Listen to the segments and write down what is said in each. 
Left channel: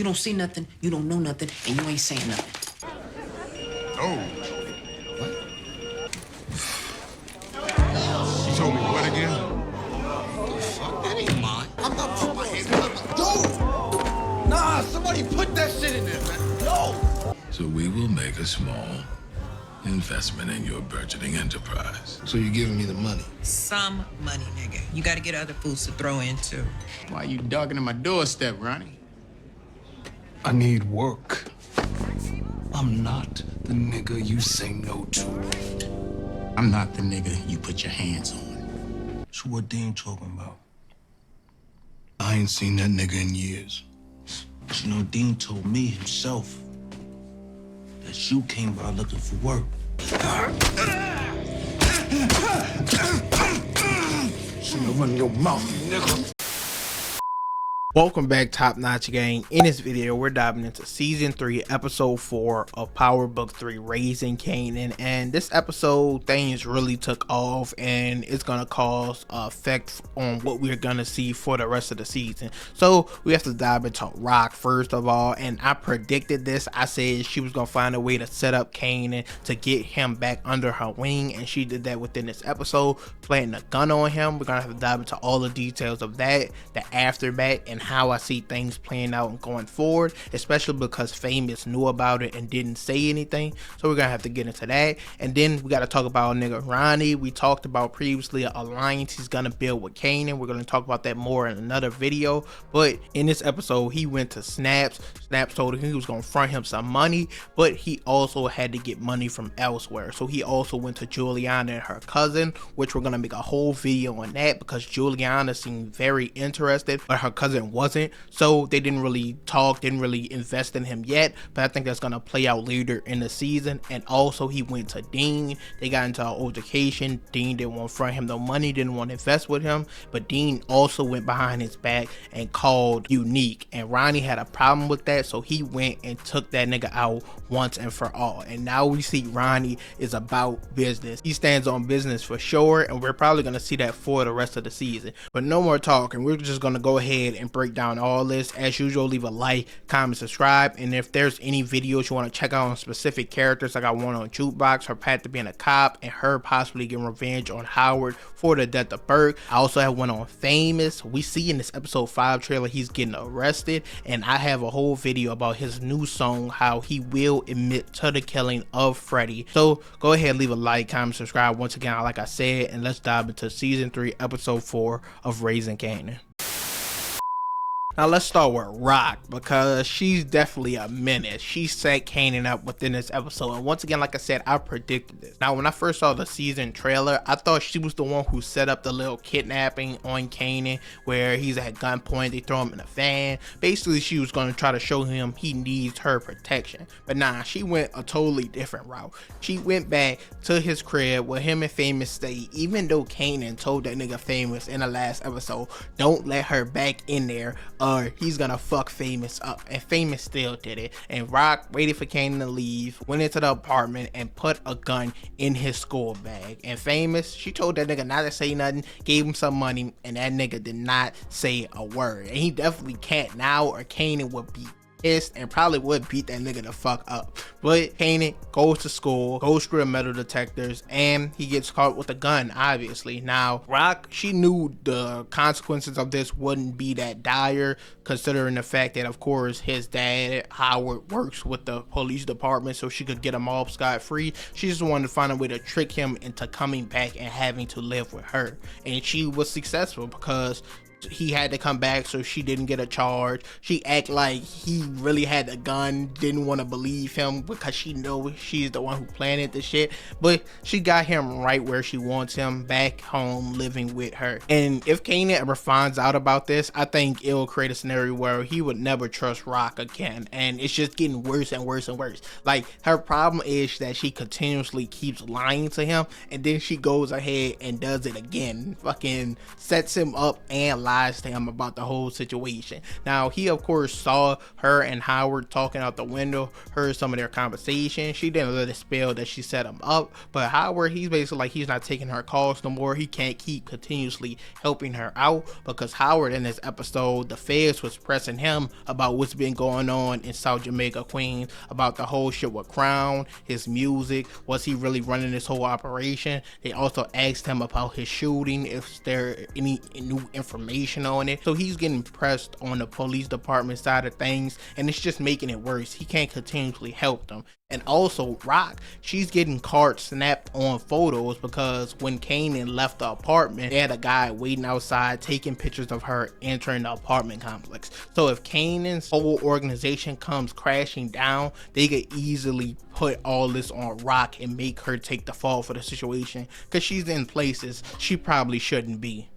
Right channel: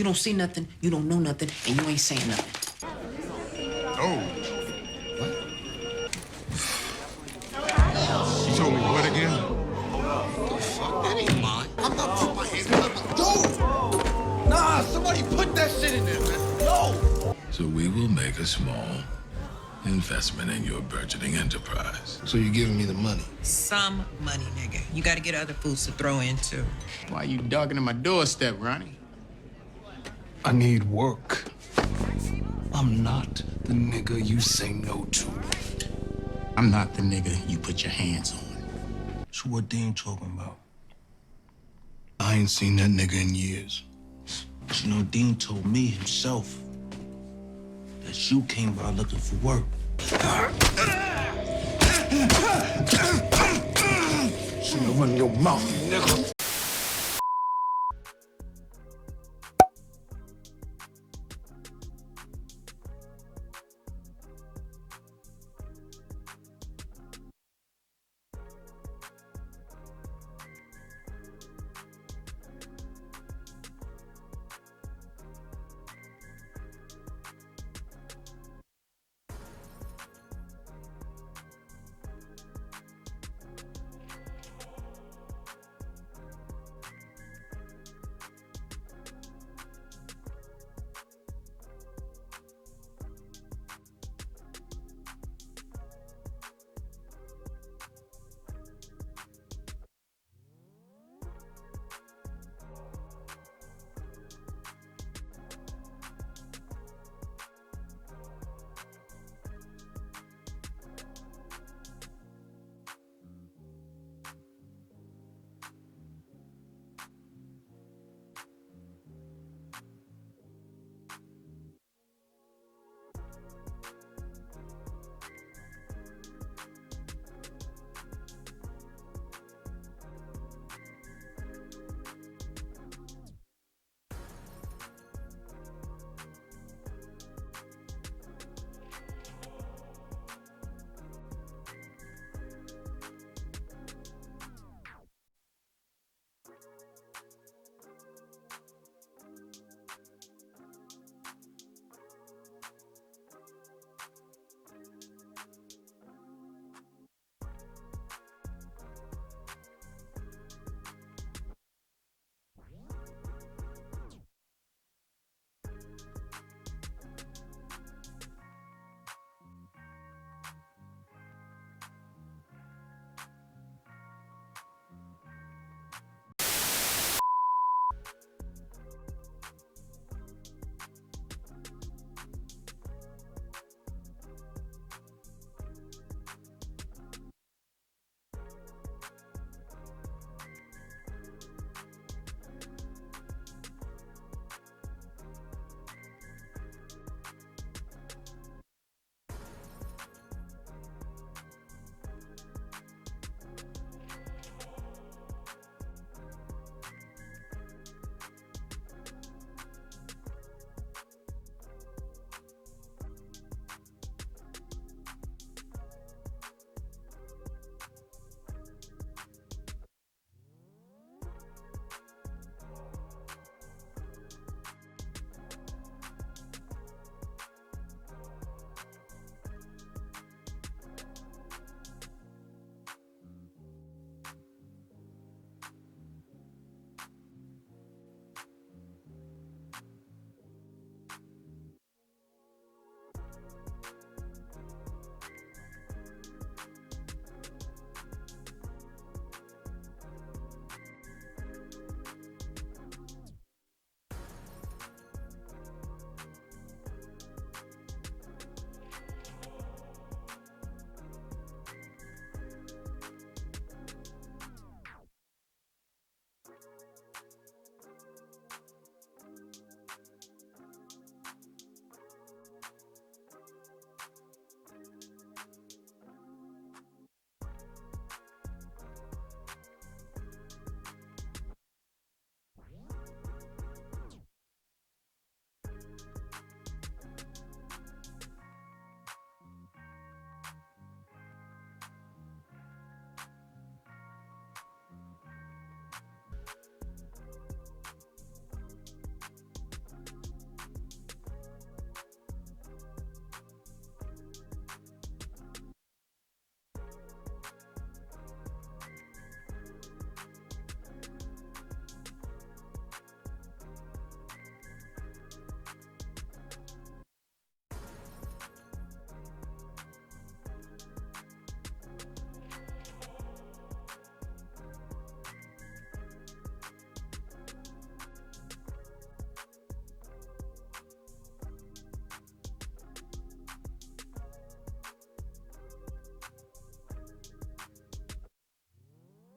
You don't see nothing, you don't know nothing, and you ain't saying nothing. Oh. What? You told me what again? The fuck? That ain't mine. I'm not putting my hands on it. Dude! Nah, somebody put that shit in there, man. No! So we will make a small investment in your burgeoning enterprise. So you're giving me the money? Some money, nigga. You gotta get other foods to throw in, too. Why you darkening my doorstep, Ronnie? I need work. I'm not the nigga you say no to. I'm not the nigga you put your hands on. So what Deen talking about? I ain't seen that nigga in years. But you know, Deen told me himself that you came by looking for work. Shouldn't run your mouth, nigga. Welcome back, Top Notch Gang. In this video, we're diving into Season 3, Episode 4 of Power Book 3, Raising Kanan. And this episode, things really took off, and it's going to cause effect on what we're going to see for the rest of the season. So, we have to dive into Rock, first of all. And I predicted this. I said she was going to find a way to set up Kanan to get him back under her wing. And she did that within this episode, planting a gun on him. We're going to have to dive into all the details of that, the aftermath, and how I see things playing out and going forward, especially because Famous knew about it and didn't say anything. So we're gonna have to get into that. And then we got to talk about nigga Ronnie. We talked about previously an alliance he's gonna build with Kanan. We're gonna talk about that more in another video. But in this episode, he went to Snaps. Snaps told him he was gonna front him some money, but he also had to get money from elsewhere. So he also went to Juliana and her cousin, which we're gonna make a whole video on that because Juliana seemed very interested, but her cousin wasn't, so they didn't really talk, didn't really invest in him yet. But I think that's gonna play out later in the season. And also he went to Deen. They got into an altercation. Deen didn't want to front him no money, didn't want to invest with him, but Deen also went behind his back and called Unique, and Ronnie had a problem with that, so he went and took that nigga out once and for all. And now we see Ronnie is about business. He stands on business for sure, and we're probably gonna see that for the rest of the season. But no more talking, we're just gonna go ahead and break down all this. As usual, leave a like, comment, subscribe, and if there's any videos you want to check out on specific characters, I got one on Jukebox, her path to being a cop, and her possibly getting revenge on Howard for the death of Burke. I also have one on Famous. We see in this episode 5 trailer he's getting arrested, and I have a whole video about his new song, how he will admit to the killing of Freddie. So go ahead, leave a like, comment, subscribe once again, like I said, and let's dive into Season 3, Episode 4 of Raising Kanan. Now let's start with Rock, because she's definitely a menace. She set Kanan up within this episode, and once again, like I said, I predicted this. Now when I first saw the season trailer, I thought she was the one who set up the little kidnapping on Kanan, where he's at gunpoint, they throw him in a van. Basically she was going to try to show him he needs her protection. But nah, she went a totally different route. She went back to his crib where him and Famous stayed, even though Kanan told that nigga Famous in the last episode, don't let her back in there or he's gonna fuck Famous up. And Famous still did it. And Rock waited for Kanan to leave, went into the apartment and put a gun in his school bag. And Famous, she told that nigga not to say nothing, gave him some money, and that nigga did not say a word. And he definitely can't now, or Kanan would be pissed and probably would beat that nigga the fuck up. But Kanan goes to school, goes through the metal detectors, and he gets caught with a gun, obviously. Now Rock, she knew the consequences of this wouldn't be that dire, considering the fact that of course his dad Howard works with the police department, so she could get him off scot-free. She just wanted to find a way to trick him into coming back and having to live with her, and she was successful because he had to come back, so she didn't get a charge. She act like he really had the gun, didn't want to believe him because she know she's the one who planted the shit, but she got him right where she wants him, back home living with her. And if Kanan ever finds out about this, I think it will create a scenario where he would never trust Rock again, and it's just getting worse and worse and worse. Like, her problem is that she continuously keeps lying to him, and then she goes ahead and does it again, fucking sets him up and lies to him about the whole situation. Now, he of course saw her and Howard talking out the window, heard some of their conversation. She didn't let it spill that she set him up, but Howard, he's basically like he's not taking her calls no more. He can't keep continuously helping her out because Howard, in this episode, the feds was pressing him about what's been going on in South Jamaica, Queens, about the whole shit with Crown, his music, was he really running this whole operation. They also asked him about his shooting, if there any new information on it. So he's getting pressed on the police department side of things, and it's just making it worse. He can't continuously help them. And also Rock, she's getting cards snapped on photos because when Kanan left the apartment, they had a guy waiting outside taking pictures of her entering the apartment complex. So if Kanan's whole organization comes crashing down, they could easily put all this on Rock and make her take the fall for the situation because she's in places she probably shouldn't be.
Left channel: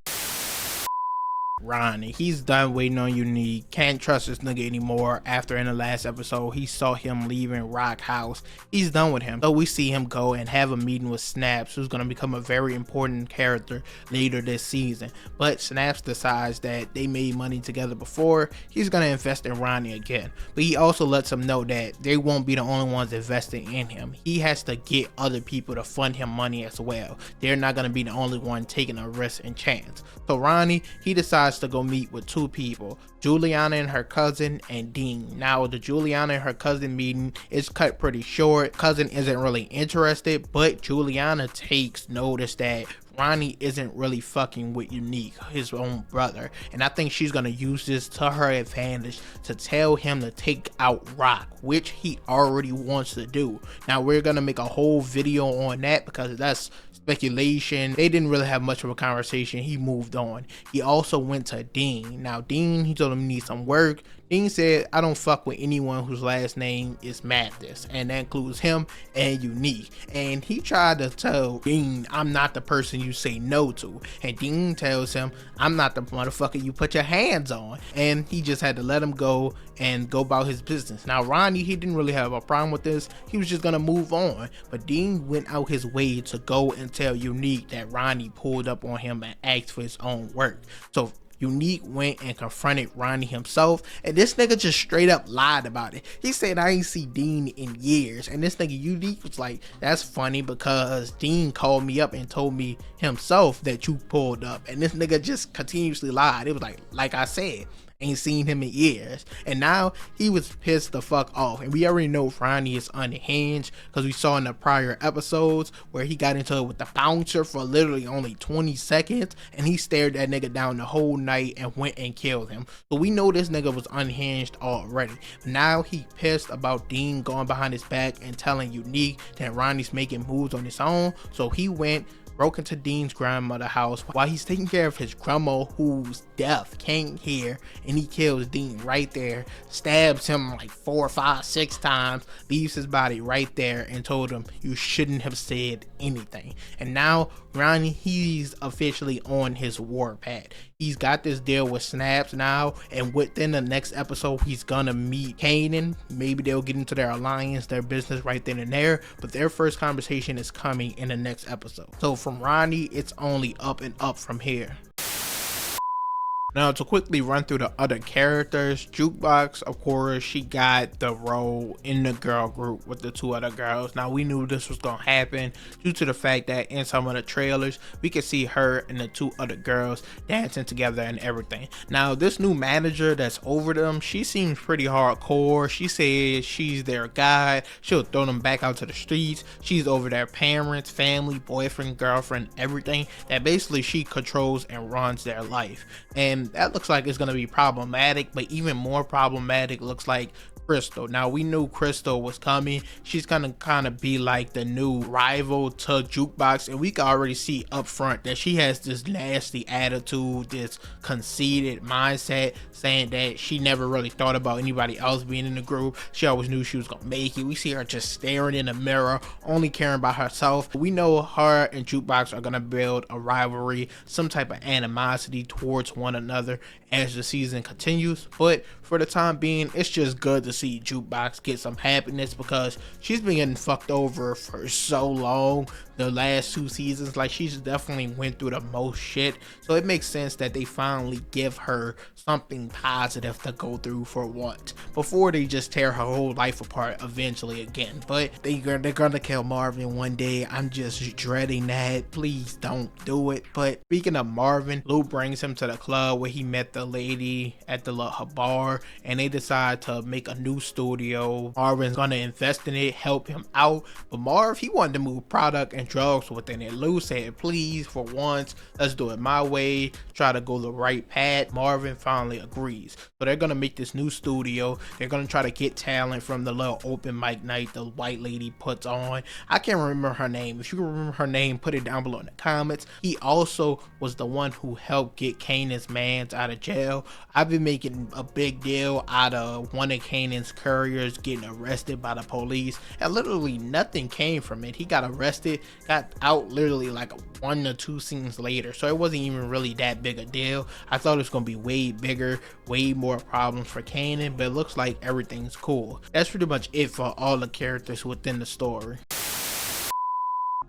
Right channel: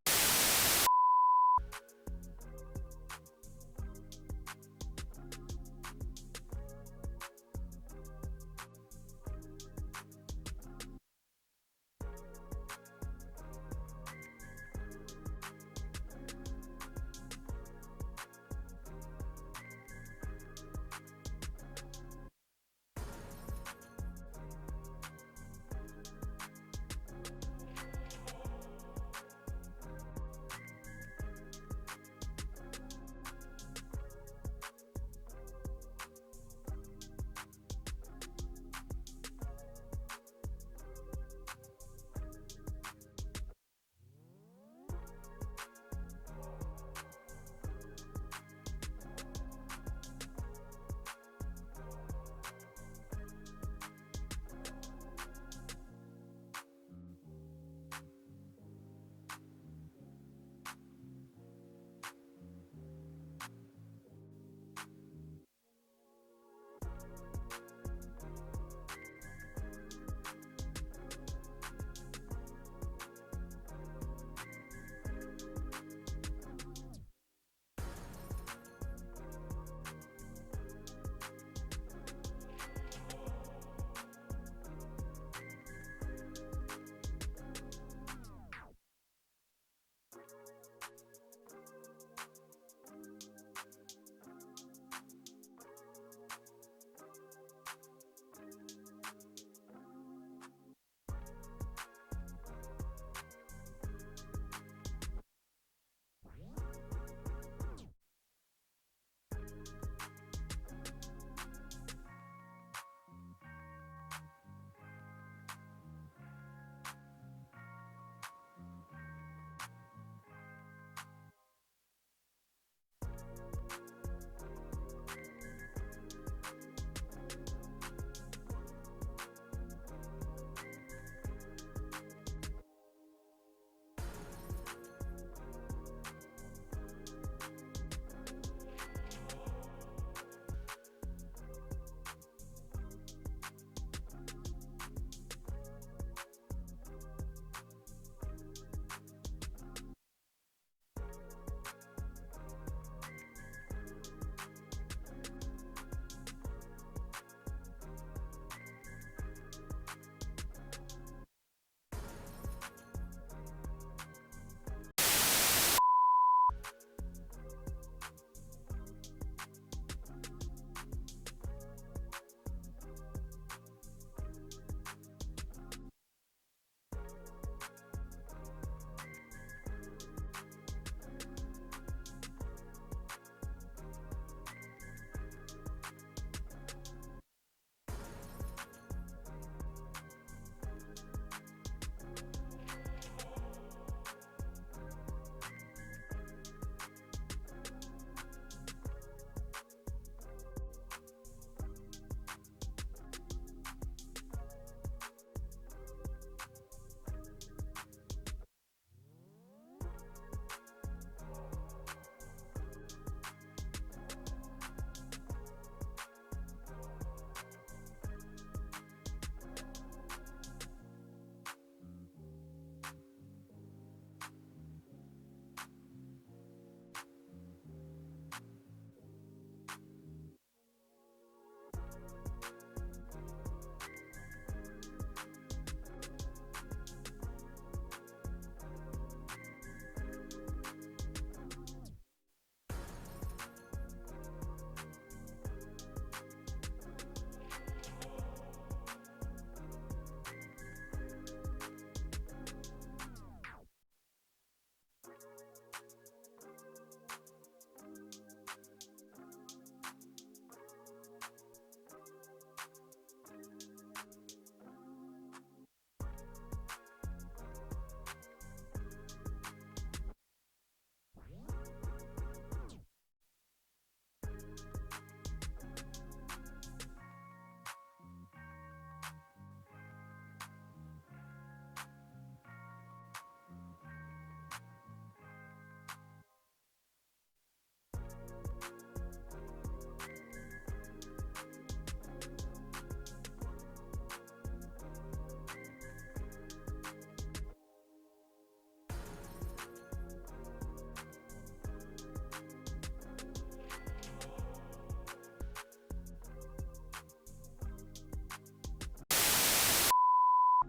Ronnie, he's done waiting on Unique, can't trust this nigga anymore. After in the last episode he saw him leaving Rock house, he's done with him. So we see him go and have a meeting with Snaps, who's going to become a very important character later this season. But Snaps decides that they made money together before, he's going to invest in Ronnie again. But he also lets him know that they won't be the only ones investing in him. He has to get other people to fund him money as well. They're not going to be the only one taking a risk and chance. So Ronnie, he decides to go meet with two people, Juliana and her cousin, and Deen. Now the Juliana and her cousin meeting is cut pretty short. Cousin isn't really interested, but Juliana takes notice that Ronnie isn't really fucking with Unique, his own brother, and I think she's gonna use this to her advantage to tell him to take out Rock, which he already wants to do. Now we're gonna make a whole video on that because that's speculation. They didn't really have much of a conversation. He moved on. He also went to Deen. Now Deen, he told him he needs some work. Deen said, I don't fuck with anyone whose last name is Mathis, and that includes him and Unique. And he tried to tell Deen, I'm not the person you say no to. And Deen tells him, I'm not the motherfucker you put your hands on. And he just had to let him go and go about his business. Now Ronnie, he didn't really have a problem with this. He was just gonna move on. But Deen went out his way to go and tell Unique that Ronnie pulled up on him and asked for his own work. So Unique went and confronted Ronnie himself, and this nigga just straight up lied about it. He said, I ain't see Deen in years. And this nigga Unique was like, that's funny because Deen called me up and told me himself that you pulled up. And this nigga just continuously lied. It was like I said, ain't seen him in years. And now he was pissed the fuck off. And we already know Ronnie is unhinged because we saw in the prior episodes where he got into it with the bouncer for literally only 20 seconds, and he stared that nigga down the whole night and went and killed him. So we know this nigga was unhinged already. Now he pissed about Deen going behind his back and telling Unique that Ronnie's making moves on his own. So he broke into Deen's grandmother's house while he's taking care of his grandma who's deaf, can't hear, and he kills Deen right there, stabs him like 4, 5, 6 times, leaves his body right there, and told him you shouldn't have said anything. And now Ronnie, he's officially on his warpath. He's got this deal with Snaps now, and within the next episode he's gonna meet Kanan. Maybe they'll get into their alliance, their business right then and there, but their first conversation is coming in the next episode. So from Ronnie, it's only up and up from here. Now to quickly run through the other characters, Jukebox, of course, she got the role in the girl group with the 2 other girls. Now we knew this was gonna happen due to the fact that in some of the trailers we could see her and the 2 other girls dancing together and everything. Now this new manager that's over them, she seems pretty hardcore. She says she's their guide, she'll throw them back out to the streets, she's over their parents, family, boyfriend, girlfriend, everything. That basically she controls and runs their life. And that looks like it's going to be problematic, but even more problematic looks like Crystal. Now we knew Crystal was coming. She's gonna kind of be like the new rival to Jukebox, and we can already see up front that she has this nasty attitude, this conceited mindset, saying that she never really thought about anybody else being in the group. She always knew she was gonna make it. We see her just staring in the mirror, only caring about herself. We know her and Jukebox are gonna build a rivalry, some type of animosity towards one another as the season continues, but for the time being, it's just good to to see Jukebox get some happiness, because she's been getting fucked over for so long. The last 2 seasons, like, she's definitely went through the most shit, so it makes sense that they finally give her something positive to go through for once, before they just tear her whole life apart eventually again. But they're gonna kill Marvin one day. I'm just dreading that. Please don't do it. But speaking of Marvin, Lou brings him to the club where he met the lady at the her bar, and they decide to make a new studio. Marvin's gonna invest in it, help him out, but Marv, he wanted to move product and drugs within it. Lou said, please, for once, let's do it my way, try to go the right path. Marvin finally agrees. So they're gonna make this new studio. They're gonna try to get talent from the little open mic night the white lady puts on. I can't remember her name. If you remember her name, put it down below in the comments. He also was the one who helped get Kanan's mans out of jail. I've been making a big deal out of one of Kanan's couriers getting arrested by the police, and literally nothing came from it. He got arrested, got out literally like 1 or 2 scenes later, so it wasn't even really that big a deal. I thought it was gonna be way bigger, way more problems for Kanan, but it looks like everything's cool. That's pretty much it for all the characters within the story.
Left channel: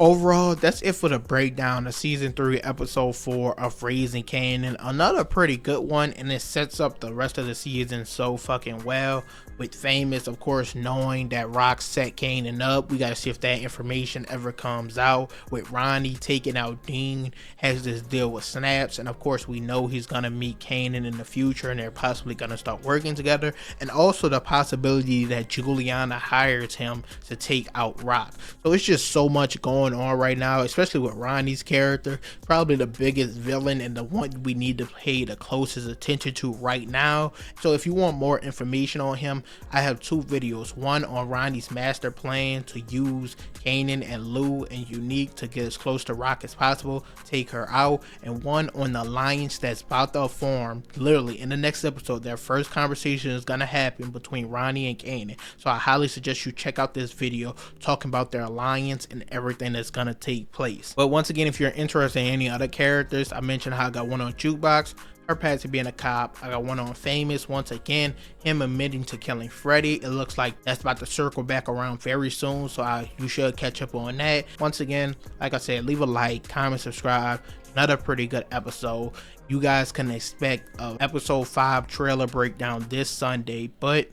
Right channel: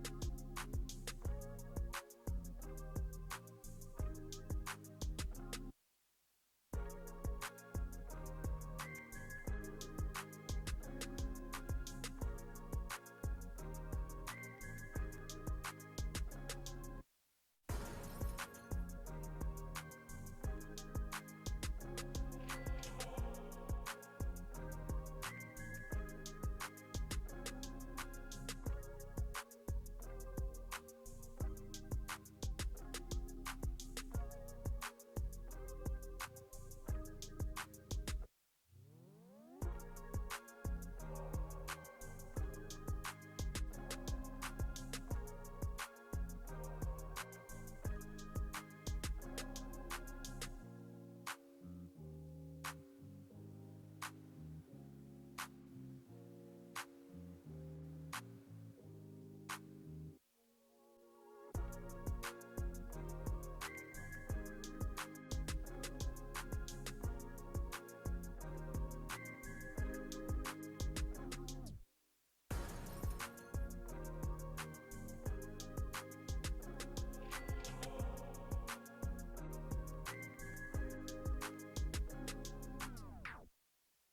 Overall, that's it for the breakdown of season 3 episode 4 of Raising Kanan. Another pretty good one, and it sets up the rest of the season so fucking well, with Famous of course knowing that Rock set Kanan up. We gotta see if that information ever comes out. With Ronnie taking out Deen, has this deal with Snaps, and of course we know he's gonna meet Kanan in the future and they're possibly gonna start working together, and also the possibility that Juliana hires him to take out Rock. So it's just so much going on right now, especially with Ronnie's character, probably the biggest villain and the one we need to pay the closest attention to right now. So if you want more information on him, I have 2 videos, one on Ronnie's master plan to use Kanan and Lou and Unique to get as close to Rock as possible, take her out, and one on the alliance that's about to form literally in the next episode. Their first conversation is gonna happen between Ronnie and Kanan, so I highly suggest you check out this video talking about their alliance and everything that's gonna take place. But once again, if you're interested in any other characters, I mentioned how I got one on Jukebox, her path to being a cop. I got one on Famous, once again, him admitting to killing Freddy. It looks like that's about to circle back around very soon, so you should catch up on that. Once again, like I said, leave a like, comment, subscribe. Another pretty good episode. You guys can expect a episode 5 trailer breakdown this Sunday, but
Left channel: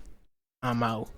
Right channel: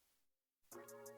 I'm out.